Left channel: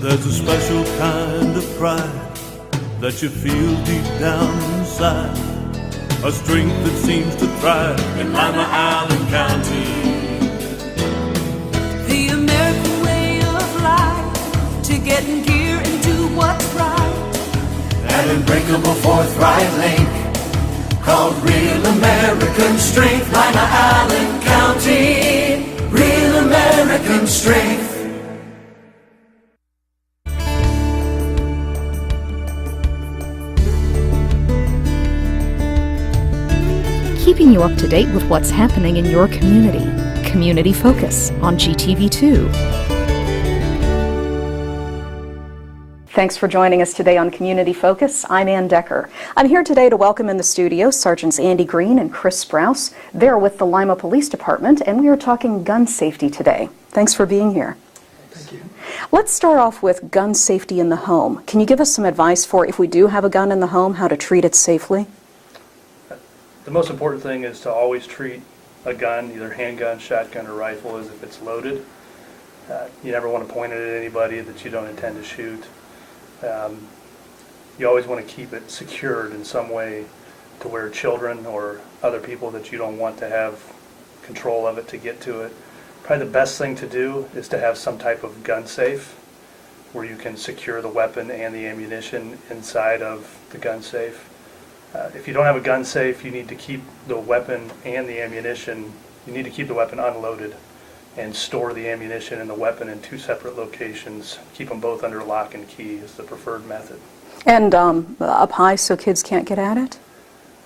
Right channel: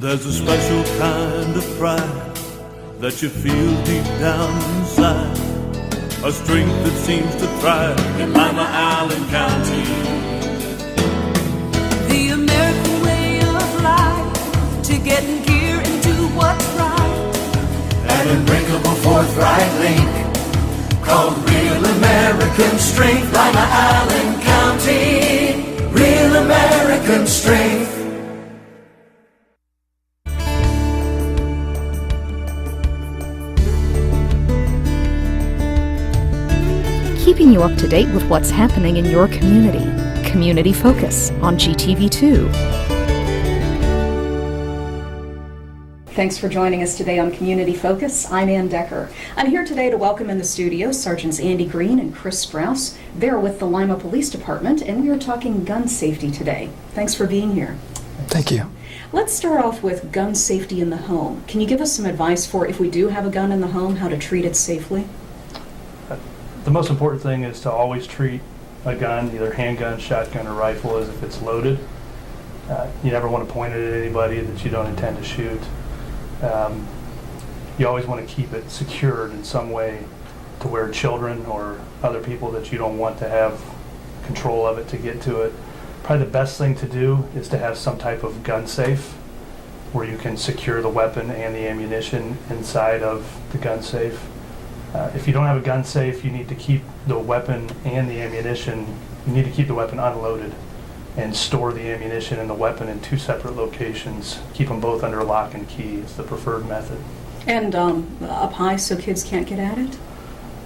There's a special kind of pride that you feel deep down inside, a strength that seems to thrive in Lima, Allen County. The American way of life, to get in gear and do what's right. An unbreakable forthright link called Real American Strength. Lima, Allen County, Real American Strength. Keeping you up to date with what's happening in your community. Community Focus on GTV2. Thanks for joining us today on Community Focus. I'm Anne Decker. I'm here today to welcome in the studio Sergeants Andy Green and Chris Sprouse. They're with the Lima Police Department, and we are talking gun safety today. Thanks for being here. Thank you. Let's start off with gun safety in the home. Can you give us some advice for if we do have a gun in the home, how to treat it safely? The most important thing is to always treat a gun, either handgun, shotgun, or rifle, as if it's loaded. You never want to point it at anybody that you don't intend to shoot. You always want to keep it secured in some way to where children or other people that you don't want to have control of it to get to it. Probably the best thing to do is to have some type of gun safe where you can secure the weapon and the ammunition inside of the gun safe. If you don't have a gun safe, you need to keep the weapon and the ammunition, you need to keep the weapon unloaded and store the ammunition and the weapon in two separate locations. Keep them both under lock and key is the preferred method. And up high so kids can't get at it?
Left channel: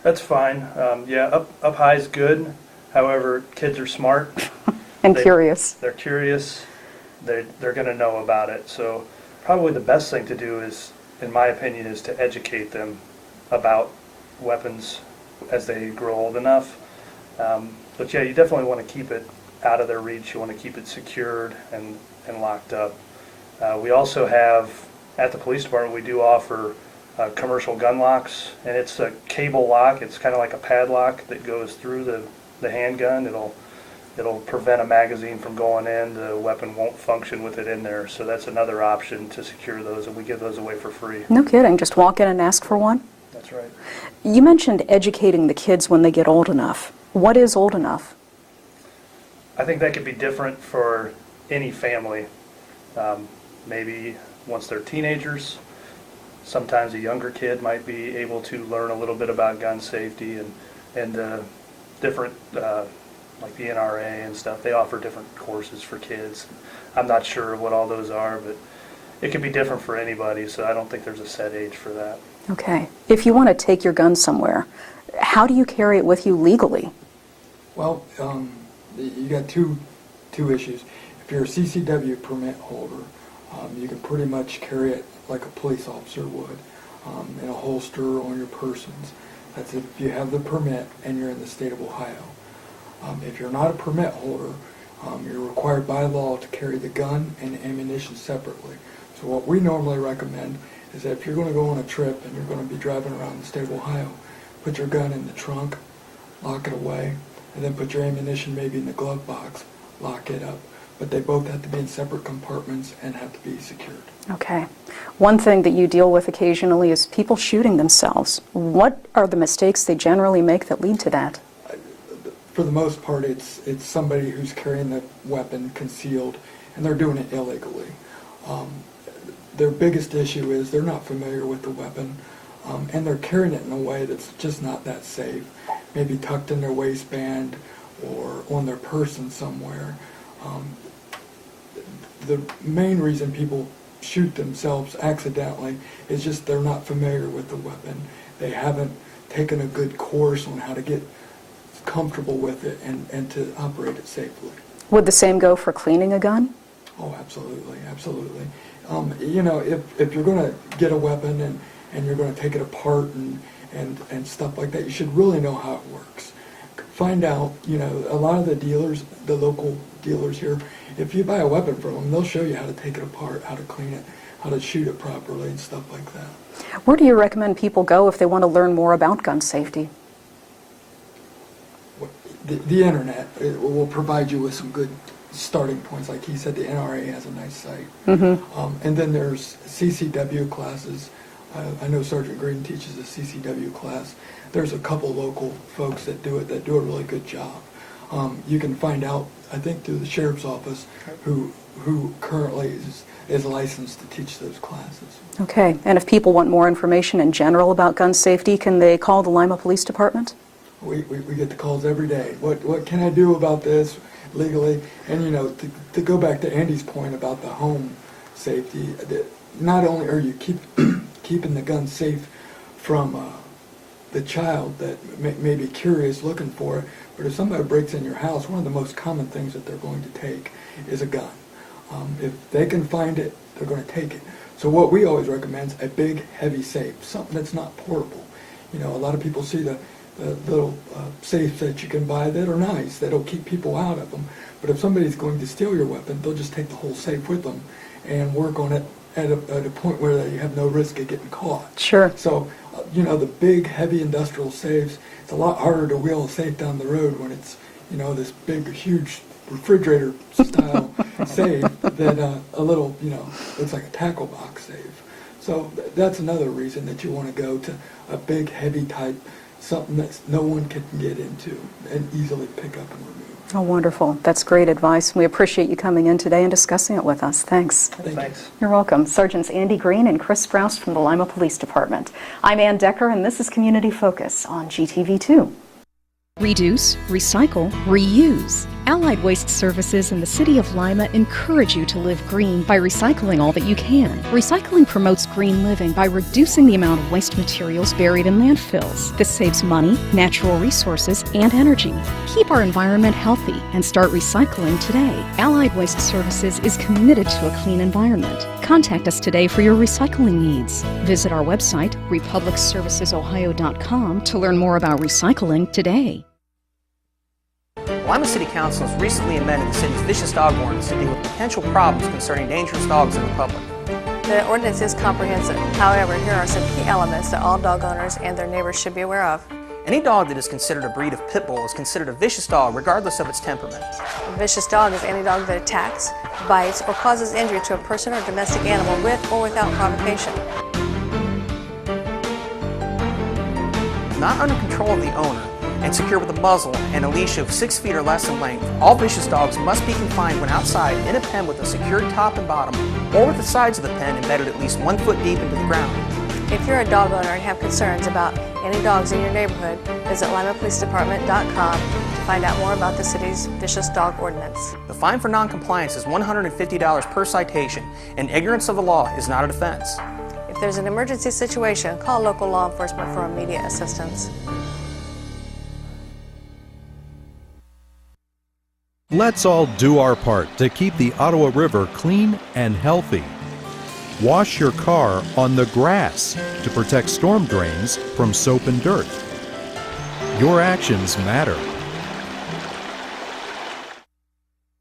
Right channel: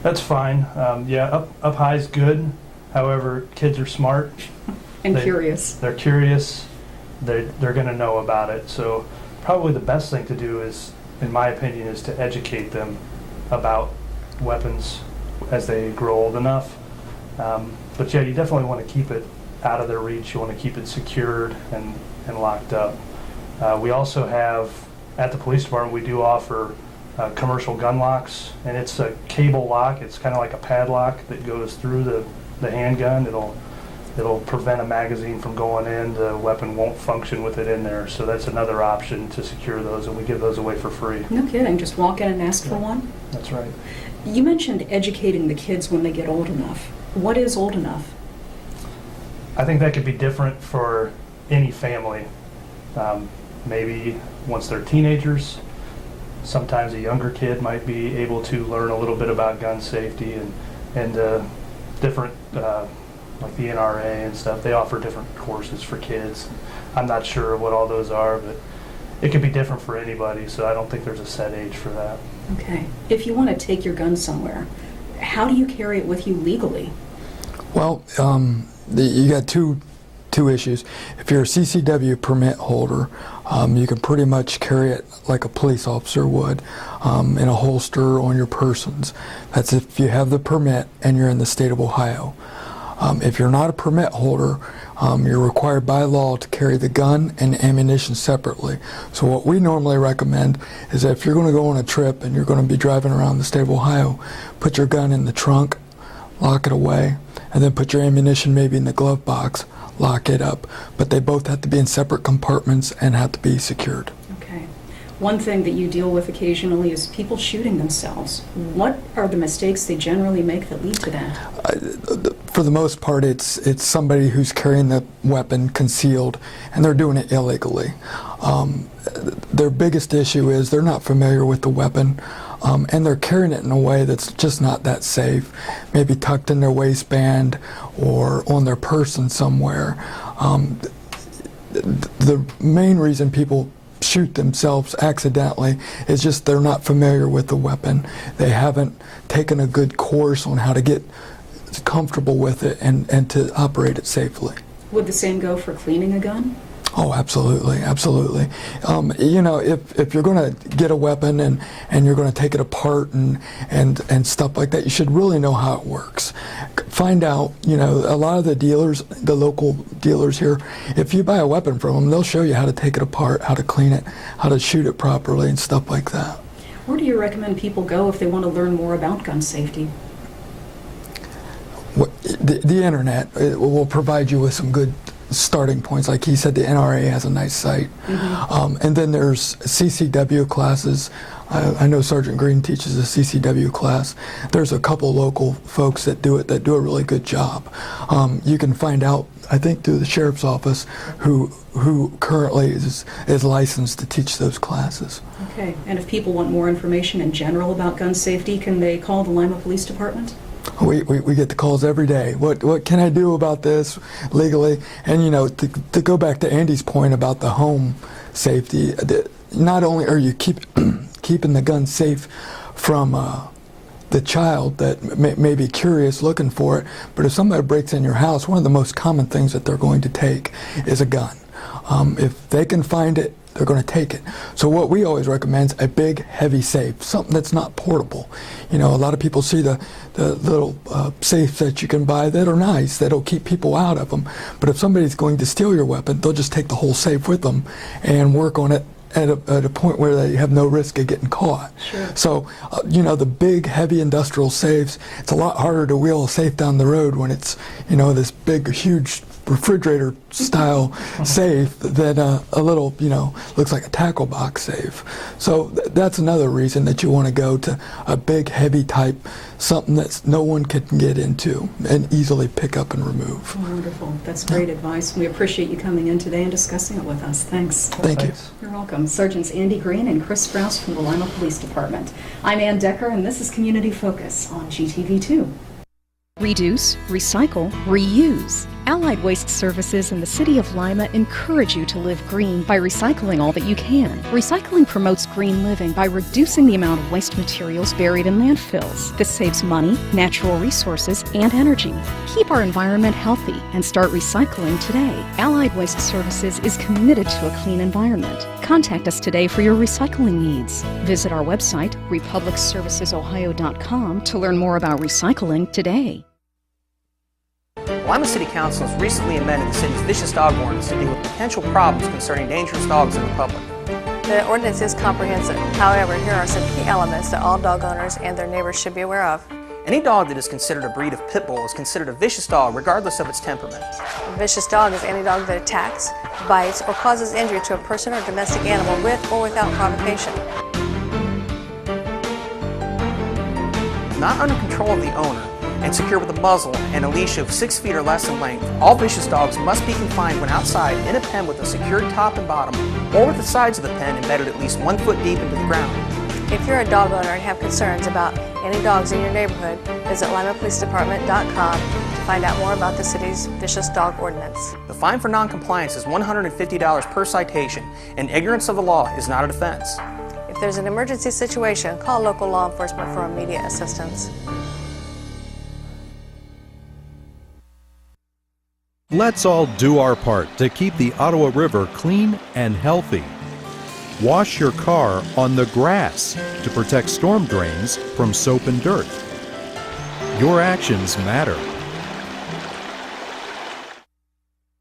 That's fine. Yeah, up high is good. However, kids are smart. And curious. They're curious. They're going to know about it. So probably the best thing to do is, in my opinion, is to educate them about weapons as they grow old enough. But yeah, you definitely want to keep it out of their reach. You want to keep it secured and locked up. We also have, at the police department, we do offer commercial gun locks, and it's a cable lock. It's kind of like a padlock that goes through the handgun. It'll prevent a magazine from going in. The weapon won't function with it in there. So that's another option to secure those, and we give those away for free. No kidding. Just walk in and ask for one? That's right. You mentioned educating the kids when they get old enough. What is old enough? I think that could be different for any family. Maybe once they're teenagers, sometimes a younger kid might be able to learn a little bit about gun safety and different, like the NRA and stuff. They offer different courses for kids. I'm not sure what all those are, but it can be different for anybody, so I don't think there's a set age for that. Okay. If you want to take your gun somewhere, how do you carry it with you legally? Well, you got two issues. If you're a CCW permit holder, you can pretty much carry it like a police officer would, in a holster on your persons. That's if you have the permit and you're in the state of Ohio. If you're not a permit holder, you're required by law to carry the gun and ammunition separately. So what we normally recommend is that if you're going to go on a trip and you're going to be driving around the state of Ohio, put your gun in the trunk, lock it away, and then put your ammunition maybe in the glove box, lock it up. But they both have to be in separate compartments and have to be secured. Okay. One thing that you deal with occasionally is people shooting themselves. What are the mistakes they generally make that lead to that? For the most part, it's somebody who's carrying the weapon concealed, and they're doing it illegally. Their biggest issue is they're not familiar with the weapon, and they're carrying it in a way that's just not that safe, maybe tucked in their waistband or on their person somewhere. The main reason people shoot themselves accidentally is just they're not familiar with the weapon. They haven't taken a good course on how to get comfortable with it and to operate it safely. Would the same go for cleaning a gun? Oh, absolutely, absolutely. You know, if you're going to get a weapon and you're going to take it apart and stuff like that, you should really know how it works. Find out, you know, a lot of the dealers, the local dealers here, if you buy a weapon from them, they'll show you how to take it apart, how to clean it, how to shoot it properly and stuff like that. Where do you recommend people go if they want to learn more about gun safety? The internet will provide you with some good starting points. Like he said, the NRA has a nice site. And then there's CCW classes. I know Sergeant Green teaches a CCW class. There's a couple local folks that do it that do a really good job. You can find out, I think, through the sheriff's office who currently is licensed to teach those classes. Okay, and if people want more information in general about gun safety, can they call the Lima Police Department? We get the calls every day. What can I do about this legally? And, you know, to go back to Andy's point about the home safety, not only are you keeping the gun safe from the child that may be curious looking for it, but if somebody breaks in your house, one of the most common things that they're going to take is a gun. If they can find it, they're going to take it. So what we always recommend is a big, heavy safe, something that's not portable. You know, a lot of people see the little safes that you can buy that are nice, that'll keep people out of them. But if somebody's going to steal your weapon, they'll just take the whole safe with them and work on it at a point where they have no risk of getting caught. Sure. So, you know, the big, heavy industrial safes, it's a lot harder to wheel a safe down the road when it's, you know, this big, huge refrigerator style safe than a little, you know, looks like a tackle box safe. So that's another reason that you want to go to a big, heavy type, something that no one can get into and easily pick up and remove. Oh, wonderful. That's great advice. We appreciate you coming in today and discussing it with us. Thanks. Thank you. You're welcome. Sergeants Andy Green and Chris Sprouse from the Lima Police Department. I'm Anne Decker, and this is Community Focus on GTV2. Reduce, recycle, reuse. Allied Waste Services in the City of Lima encourage you to live green by recycling all that you can. Recycling promotes green living by reducing the amount of waste materials buried in landfills. This saves money, natural resources, and energy. Keep our environment healthy and start recycling today. Allied Waste Services is committed to a clean environment. Contact us today for your recycling needs. Visit our website, republicservicesohio.com, to learn more about recycling today. Lima City Council has recently amended the city's vicious dog ordinance to deal with potential problems concerning dangerous dogs in the public. The ordinance is comprehensive. However, here are some key elements that all dog owners and their neighbors should be aware of. Any dog that is considered a breed of pit bull is considered a vicious dog regardless of its temperament. A vicious dog is any dog that attacks, bites, or causes injury to a person or domestic animal with or without provocation. Not under control of the owner and secure with a muzzle and a leash of 6 feet or less in length, all vicious dogs must be confined when outside in a pen with a secured top and bottom, or with the sides of the pen embedded at least 1 foot deep into the ground. If you're a dog owner and have concerns about any dogs in your neighborhood, visit limapolicedepartment.com to find out more about the city's vicious dog ordinance. The fine for non-compliance is $150 per citation, and ignorance of the law is not a defense. If there's an emergency situation, call local law enforcement for immediate assistance. Let's all do our part to keep the Ottawa River clean and healthy. Wash your car on the grass to protect storm drains from soap and dirt. Your actions matter.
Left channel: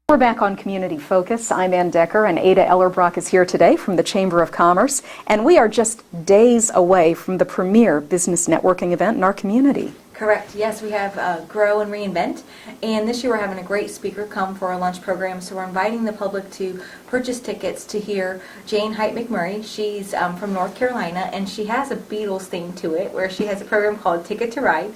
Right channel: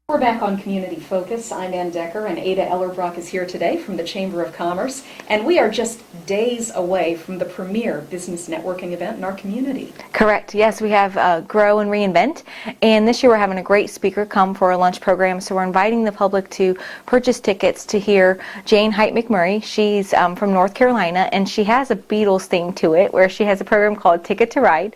We're back on Community Focus. I'm Anne Decker, and Adah Ellerbrock is here today from the Chamber of Commerce, and we are just days away from the premier business networking event in our community. Correct. Yes, we have Grow and Reinvent, and this year we're having a great speaker come for a lunch program, so we're inviting the public to purchase tickets to hear Jane Height McMurray. She's from North Carolina, and she has a Beatles theme to it, where she has a program called Ticket to Ride,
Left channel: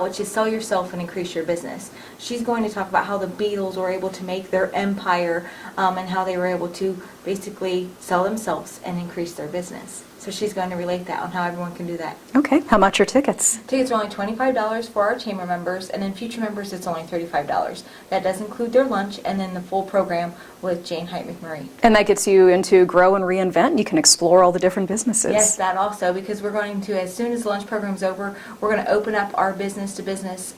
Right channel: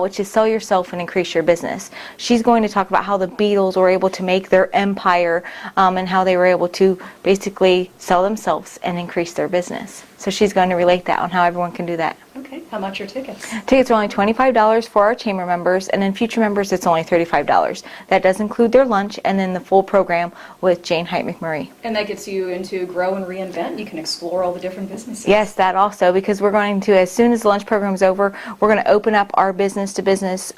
which is sell yourself and increase your business. She's going to talk about how the Beatles were able to make their empire and how they were able to basically sell themselves and increase their business. So she's going to relate that on how everyone can do that. Okay, how much are tickets? Tickets are only $25 for our chamber members, and then future members it's only $35. That does include their lunch and then the full program with Jane Height McMurray. And that gets you into Grow and Reinvent. You can explore all the different businesses. Yes, that also, because we're going to, as soon as the lunch program is over, we're going to open up our business-to-business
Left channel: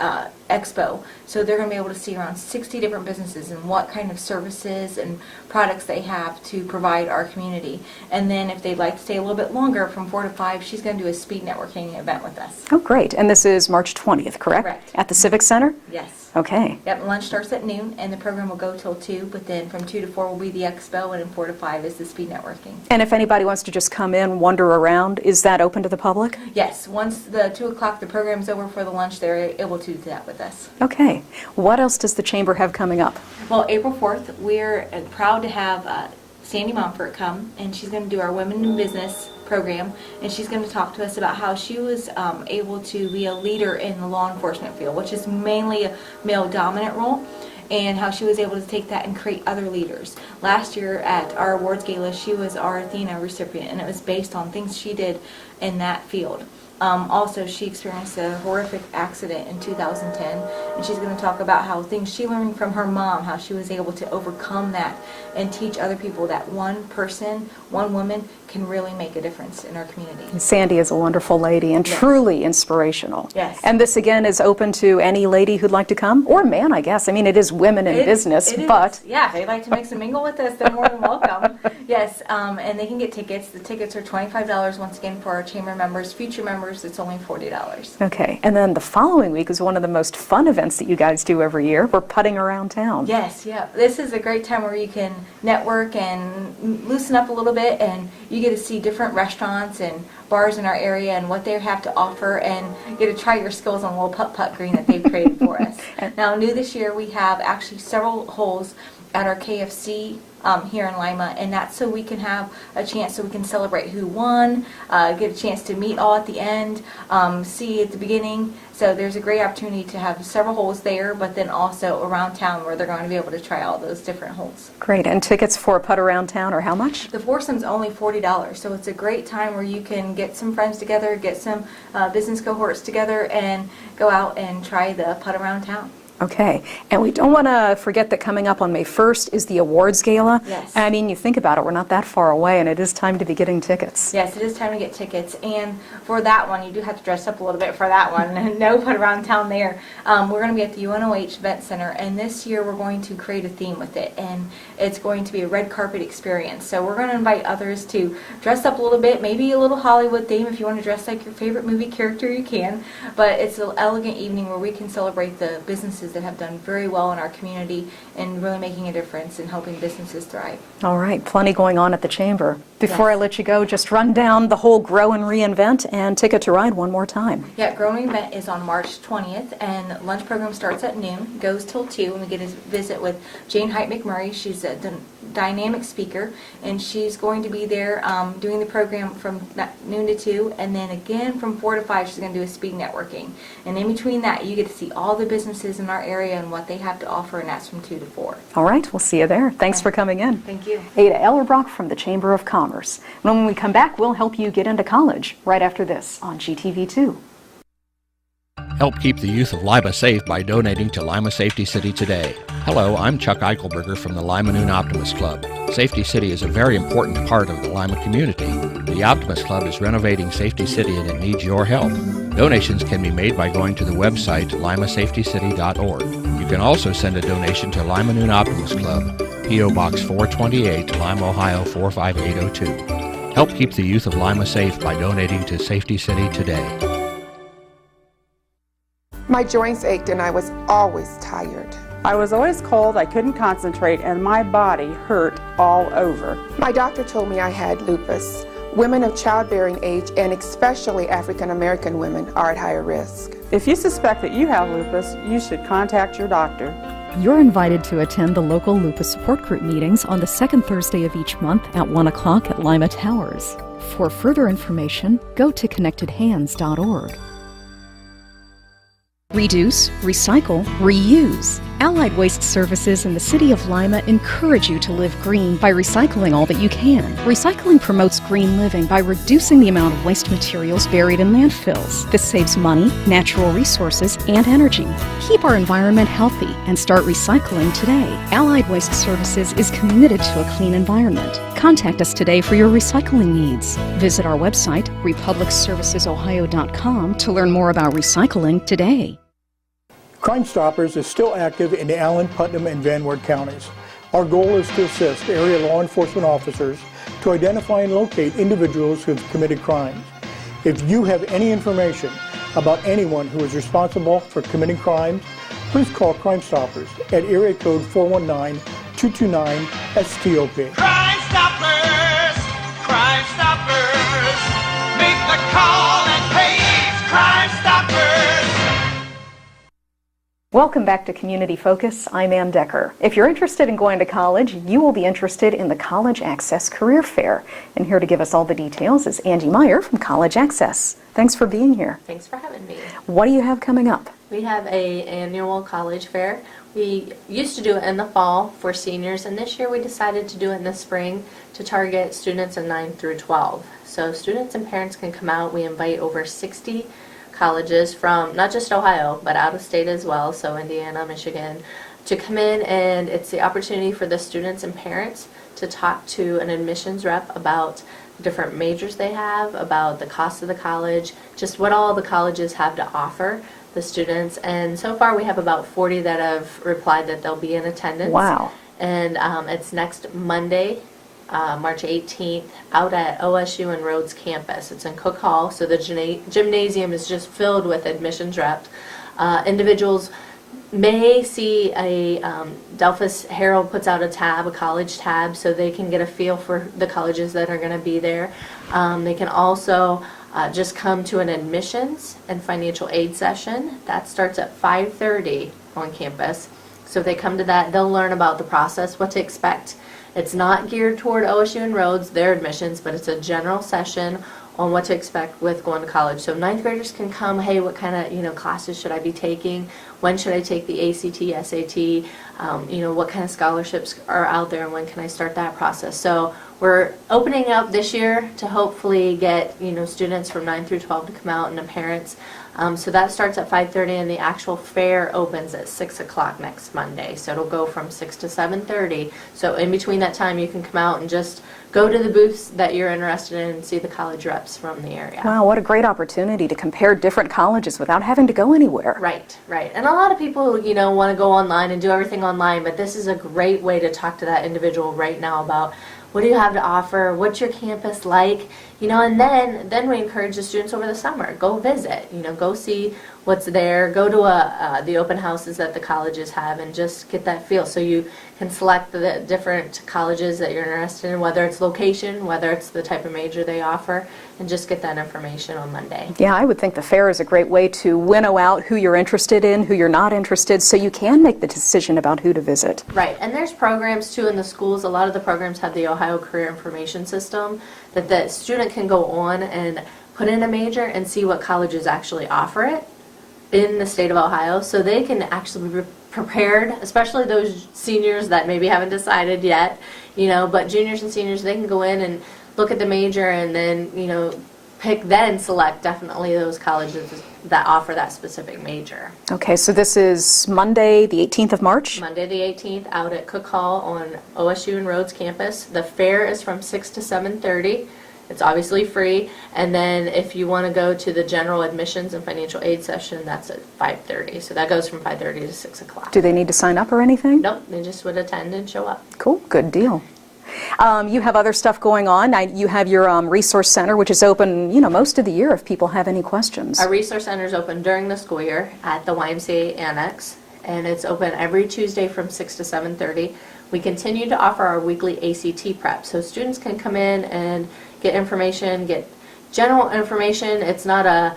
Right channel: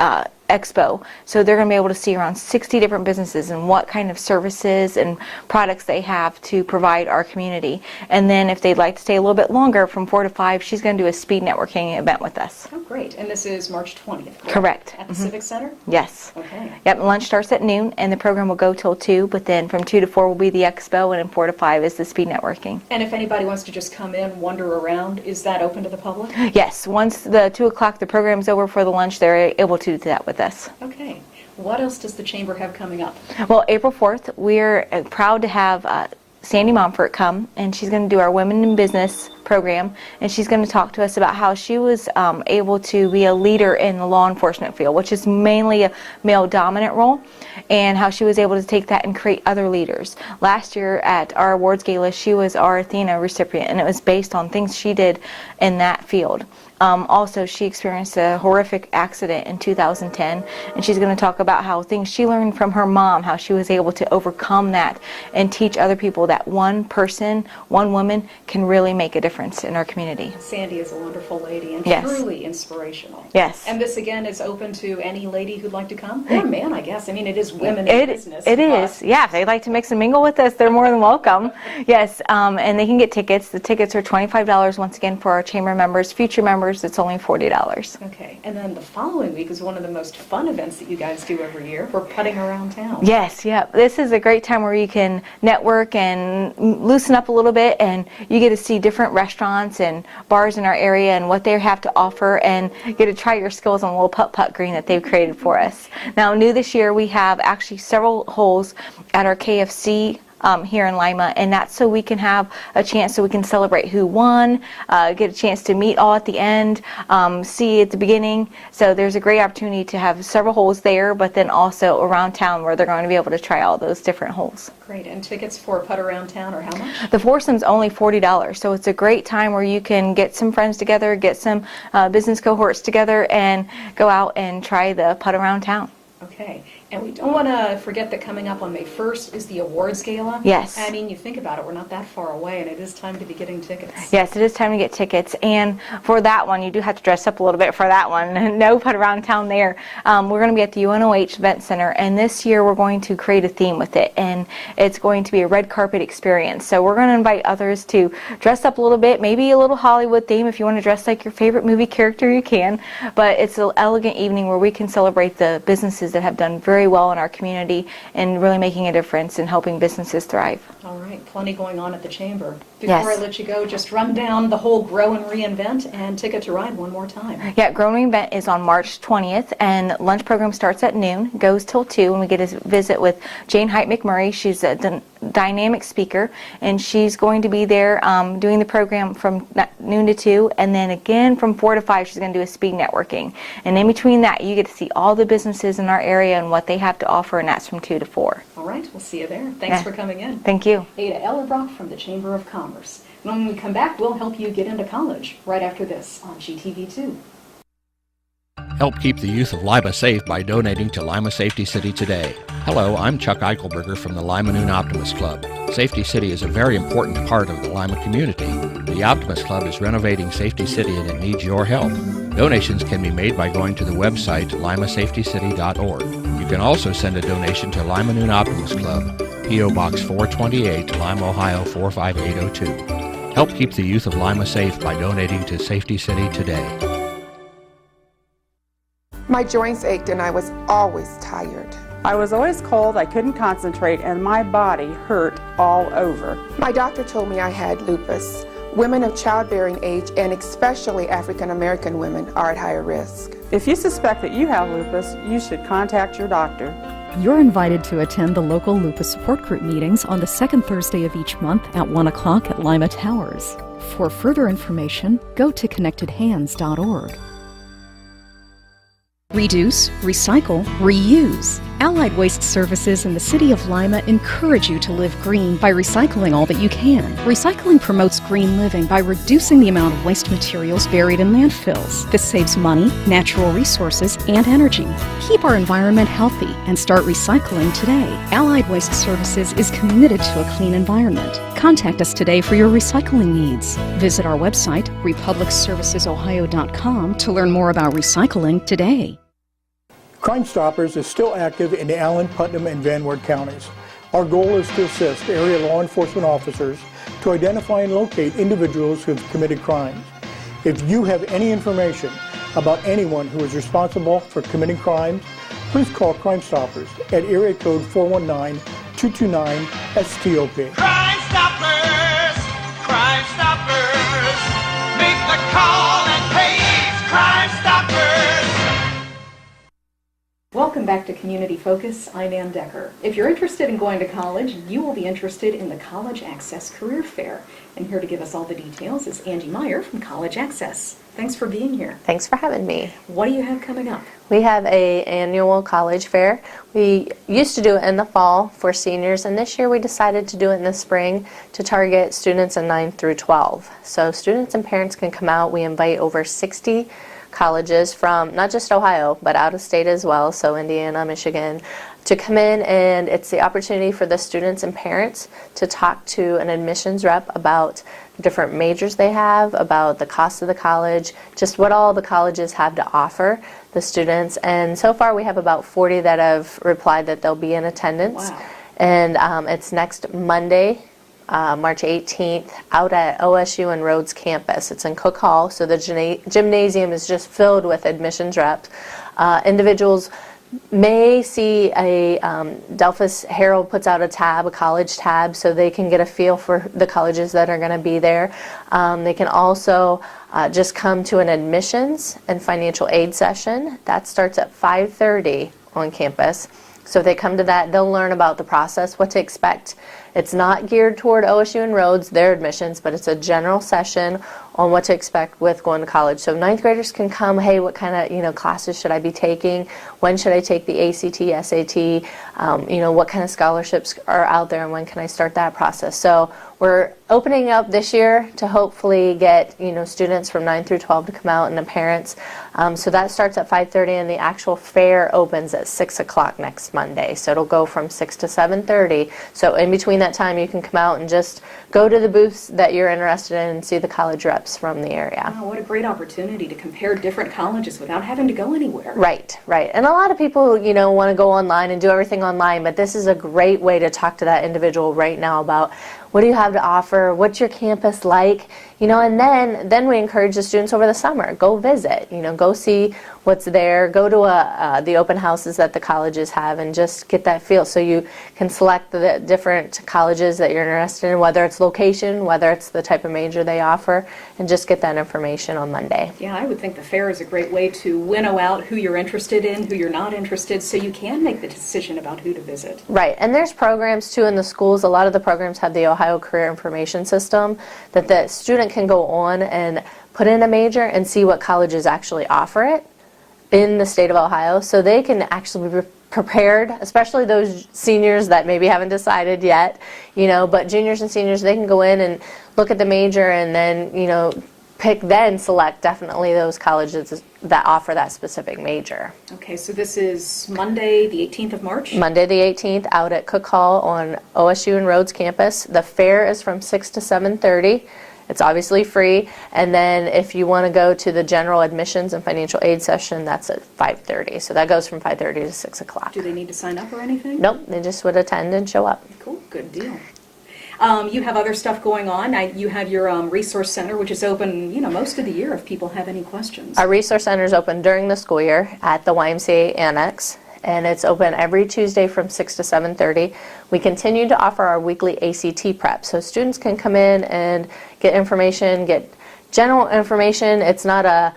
expo. So they're going to be able to see around 60 different businesses and what kind of services and products they have to provide our community. And then if they'd like to stay a little bit longer, from 4 to 5, she's going to do a speed networking event with us. Oh, great. And this is March 20th, correct? Correct. At the Civic Center? Yes. Okay. Yep, lunch starts at noon, and the program will go till 2, but then from 2 to 4 will be the expo, and then 4 to 5 is the speed networking. And if anybody wants to just come in, wander around, is that open to the public? Yes, once the 2 o'clock the program's over for the lunch, they're able to do that with us. Okay. What else does the Chamber have coming up? Well, April 4th, we're proud to have Sandy Montfort come, and she's going to do our Women in Business program, and she's going to talk to us about how she was able to be a leader in the law enforcement field, which is mainly a male-dominant role, and how she was able to take that and create other leaders. Last year at our awards gala, she was our Athena recipient, and it was based on things she did in that field. Also, she experienced a horrific accident in 2010, and she's going to talk about how things she learned from her mom, how she was able to overcome that and teach other people that one person, one woman, can really make a difference in our community. Sandy is a wonderful lady and Yes. truly inspirational. Yes. And this, again, is open to any lady who'd like to come, or man, I guess. I mean, it is women in business. It but is. Yeah, if they'd like to mix and mingle with us, they're more than welcome. Yes, and they can get tickets. The tickets are $25 once again for our chamber members. Future members, it's only $40. Okay. And then the following week is one of the most fun events that you guys do every year. We're putting around town. Yes, yeah. This is a great time where you can network and loosen up a little bit, and you get to see different restaurants and bars in our area and what they have to offer, and get to try your skills on a little putt-putt green that they've created for us. Now, new this year, we have actually several holes at our KFC here in Lima, and that's so we can have a chance so we can celebrate who won, get a chance to meet all at the end, see at the beginning. So there's a great opportunity to have several holes there, but then also around town where they're going to be able to try all those different holes. Great. And tickets for a putt around town are how much? The foursome's only $40, so it's a great time where you can get some friends together, get some business cohorts together, and go out and try the putt around town. Okay, and we don't want to forget that coming up on May 1st is the awards gala. Yes. I mean, you think about it, we're not that far away, and it is time to be getting tickets. Yes, it is time to get tickets, and for that one, you do have to dress up a little bit for that one. No put around town there. We're going to be at the UNOH Event Center, and this year we're going to create a theme with it, and it's going to be a red carpet experience. So we're going to invite others to dress up a little bit, maybe a little Hollywood theme. If you want to dress like your favorite movie character, you can, but it's an elegant evening where we can celebrate the businesses that have done very well in our community and really making a difference in helping businesses thrive. All right, plenty going on at the Chamber. Before Yes. I let you go, just run down the whole Grow and Reinvent and Ticket to Ride one more time. Yeah, Grow and Reinvent is on March 20th, and lunch program starts at noon, goes till 2, and we get a visit with Jane Height McMurray. She's a dynamic speaker, and she's going to be there doing the program from noon to 2, and then again from 4 to 5 she's going to do a speed networking. And in between that, you get to see all the businesses in our area and what they have to offer, and that's from 2 to 4. All right, we'll see you there. Thanks for coming in. Thank you. Adah Ellerbrock from the Chamber of Commerce. When we come back, we'll help you get into college right after this on GTV2. Help keep the youth of Lima safe by donating to Lima Safety City today. Hello, I'm Chuck Eichelberger from the Lima Noon Optimist Club. Safety City is a very important part of the Lima community. The Optimist Club is renovating Safety City and it needs your help. Donations can be made by going to the website limasafetycity.org. You can also send a donation to Lima Noon Optimist Club, P.O. Box 428, Lima, Ohio 45802. Help keep the youth of Lima safe by donating to Safety City today. My joints ached and I was always tired. I was always cold, I couldn't concentrate, and my body hurt all over. My doctor told me I had lupus. Women of childbearing age, and especially African American women, are at higher risk. If you suspect that you have lupus, you should contact your doctor. You're invited to attend the local lupus support group meetings on the second Thursday of each month at 1 o'clock at Lima Towers. For further information, go to connectedhands.org. Reduce, recycle, reuse. Allied Waste Services in the City of Lima encourage you to live green by recycling all that you can. Recycling promotes green living by reducing the amount of waste materials buried in landfills. This saves money, natural resources, and energy. Keep our environment healthy and start recycling today. Allied Waste Services is committed to a clean environment. Contact us today for your recycling needs. Visit our website, republicservicesohio.com, to learn more about recycling today. Crime Stoppers is still active in the Allen, Putnam, and Van Wert counties. Our goal is to assist area law enforcement officers to identify and locate individuals who have committed crimes. If you have any information about anyone who is responsible for committing crimes, please call Crime Stoppers at area code 419-229-STOP. Crime Stoppers, Crime Stoppers, make the call and pays Crime Stoppers. Welcome back to Community Focus. I'm Anne Decker. If you're interested in going to college, you will be interested in the College Access Career Fair. And here to give us all the details is Angie Meyer from College Access. Thanks for being here. Thanks for having me. What do you have coming up? We have an annual college fair. We used to do it in the fall for seniors, and this year we decided to do it in the spring to target students in 9 through 12. So students and parents can come out. We invite over 60 colleges from not just Ohio, but out of state as well, so Indiana, Michigan, to come in, and it's the opportunity for the students and parents to talk to an admissions rep about different majors they have, about the cost of the college, just what all the colleges have to offer the students. And so far we have about 40 that have replied that they'll be in attendance. Wow. And it's next Monday, March 18th, out at OSU and Rhodes campus. It's in Cook Hall, so the gymnasium is just filled with admissions reps. Individuals may see a Delphus Herald puts out a tab, a college tab, so they can get a feel for the colleges that are going to be there. They can also just come to an admissions and financial aid session. That starts at 5:30 on campus. So if they come to that, they'll learn about the process, what to expect. It's not geared toward OSU and Rhodes, their admissions, but it's a general session on what to expect with going to college. So ninth graders can come, hey, what kind of classes should I be taking? When should I take the ACT, SAT? What kind of scholarships are out there, and when can I start that process? So we're opening up this year to hopefully get students from 9 through 12 to come out, and the parents. So that starts at 5:30, and the actual fair opens at 6 o'clock next Monday. So it'll go from 6 to 7:30. So in between that time, you can come out and just go to the booths that you're interested in and see the college reps from the area. Wow, what a great opportunity to compare different colleges without having to go anywhere. Right, right. And a lot of people, want to go online and do everything online, but this is a great way to talk to that individual right now about what do you have to offer, what's your campus like, and then we encourage the students over the summer, go visit, go see what's there, go to the open houses that the colleges have and just get that feel so you can select the different colleges that you're interested in, whether it's location, whether it's the type of major they offer, and just get that information on Monday. Yeah, I would think the fair is a great way to winnow out who you're interested in, who you're not interested, so you can make the decision about who to visit. Right, and there's programs too in the schools. A lot of the programs have the Ohio Career Information System that the student can go on and put in a major and see what colleges actually offer it in the state of Ohio, so they can actually be prepared, especially those seniors that maybe haven't decided yet, but juniors and seniors, they can go in and look at the major and then, select definitely those colleges that offer that specific major. Okay, so this is Monday, the 18th of March? Monday the 18th, out at Cook Hall on OSU and Rhodes campus. The fair is from 6 to 7:30. It's obviously free, and then if you want to go to the general admissions and financial aid session, that's at 5:30. So that goes from 5:30 to 6 o'clock. Do they need to sign up or anything? Nope, they just would attend and show up. Cool, good deal. You have other stuff going on. You have your resource center, which is open, most of the year if people have any questions. Our resource center is open during the school year at the YMCA Annex, and it's open every Tuesday from 6 to 7:30. We continue to offer our weekly ACT prep, so students can come in and get information, get general information. It's not a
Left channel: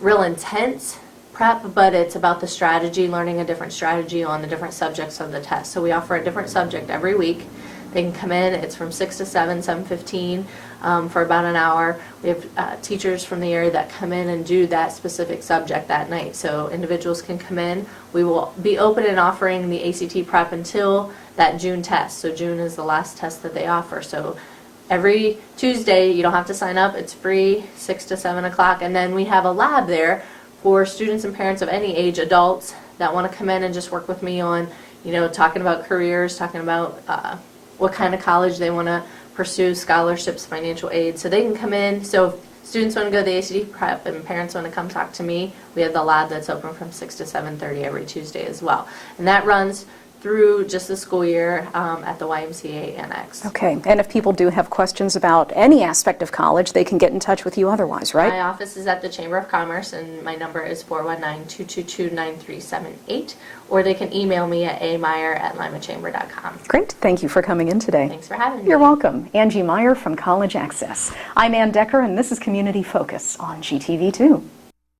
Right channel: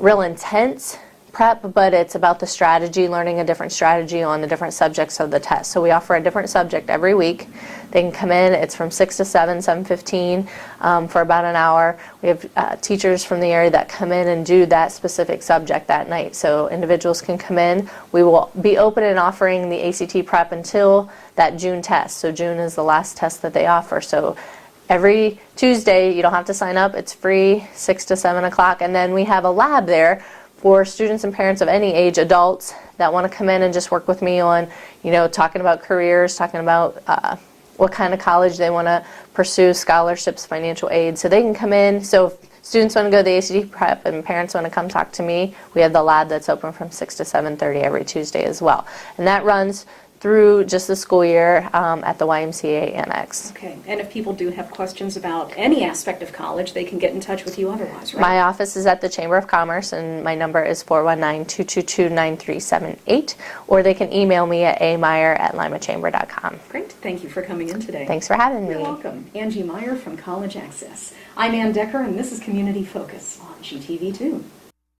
real intense prep, but it's about the strategy, learning a different strategy on the different subjects of the test. So we offer a different subject every week. They can come in. It's from 6 to 7, 7:15 for about an hour. We have teachers from the area that come in and do that specific subject that night. So individuals can come in. We will be open and offering the ACT prep until that June test. So June is the last test that they offer. So every Tuesday, you don't have to sign up. It's free, 6 to 7 o'clock. And then we have a lab there for students and parents of any age, adults that want to come in and just work with me on, talking about careers, talking about what kind of college they want to pursue, scholarships, financial aid. So they can come in. So if students want to go to the ACT prep and parents want to come talk to me, we have the lab that's open from 6 to 7:30 every Tuesday as well. And that runs through just the school year at the YMCA Annex. Okay, and if people do have questions about any aspect of college, they can get in touch with you otherwise, right? My office is at the Chamber of Commerce, and my number is 419-222-9378, or they can email me at ameyer@limachamber.com. Great, thank you for coming in today. Thanks for having me. You're welcome. Angie Meyer from College Access. I'm Anne Decker, and this is Community Focus on GTV2.